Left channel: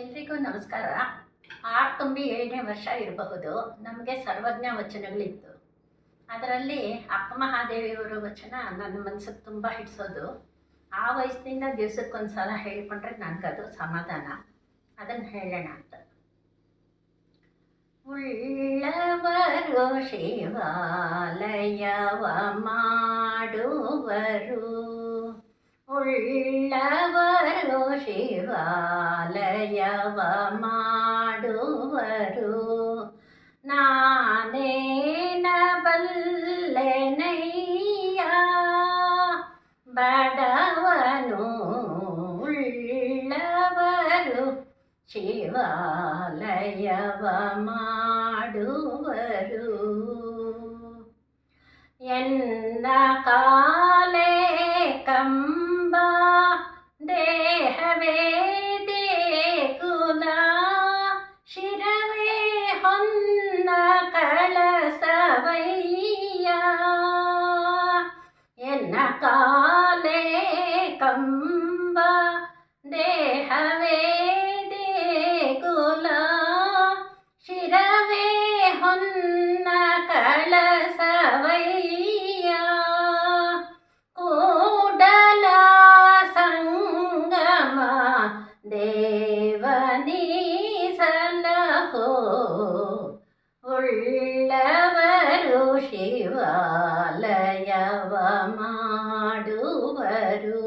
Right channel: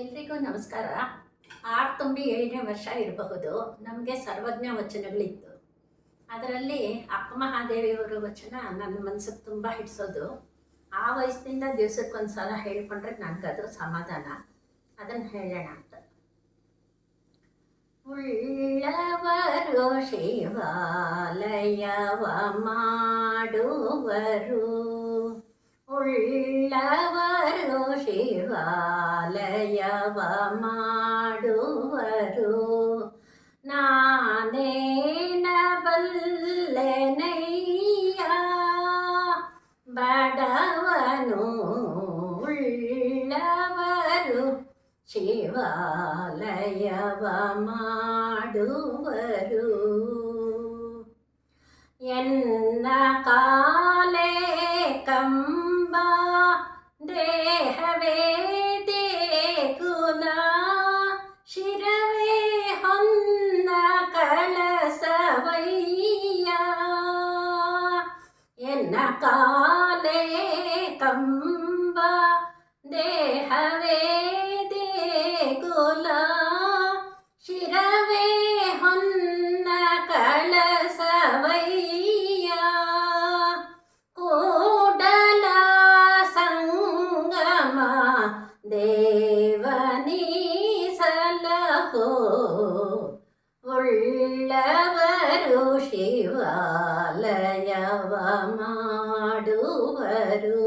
ಎಲ್ರಿಗೂ ನಮಸ್ಕಾರ. 6 ತುಂಬಿ 7ನೇ ವರ್ಷ ಇರಬಹುದು. ನಮಗೆ ಸರ್ವಜ್ಞ ವಚನಗಳಿತ್ತು. ಅದರಲ್ಲಿ ಅಕ್ಕ ಮಹಾದೇವಿಯವರ ವಚನ ನನ್ನ ಮನಸ್ಸಿಗೆ ತುಂಬ ಹಿಡಿಸೋದು. ಆ ವಯಸ್ಸಿನಿಂದ ದಿವಸಕ್ಕೊಂದು ಸಲ ಹೇಳ್ಕೊಂಡ್ರೆ ನನಗದು ಸಮಾಧಾನ. ಅದನ್ನು ಹೇಳೋಣ ಅಂತ. ಉಳ್ಳವರು ಶಿವಾಲಯವ ಮಾಡುವರು, ಉಳ್ಳವರು ಶಿವಾಲಯವ ಮಾಡುವರು, ನಾನೇನ ಬಲ್ಲೆನಯ್ಯ ಬಡವನು ಉಳ್ಳವರು ಶಿವಾಲಯವ ಮಾಡುವರು. ಎನ್ನ ಕಾಲೇ ಕಂಬ ದೇಹವೇ ದೇಗುಲ, ಶಿರವೇ ಹೊನ್ನ ಕಳಸವಯ್ಯ. ಎನ್ನ ಕಾಲೇ ಕಂಬ ದೇಹವೇ ದೇಗುಲ, ಶಿರವೇ ಹೊನ್ನ ಕಳಸವಯ್ಯ. ಕೂಡಲ ಸಂಗಮ ದೇವನೀ ಸಲಹೋ, ಉಳ್ಳವರು ಶಿವಾಲಯವ ಮಾಡುವರು.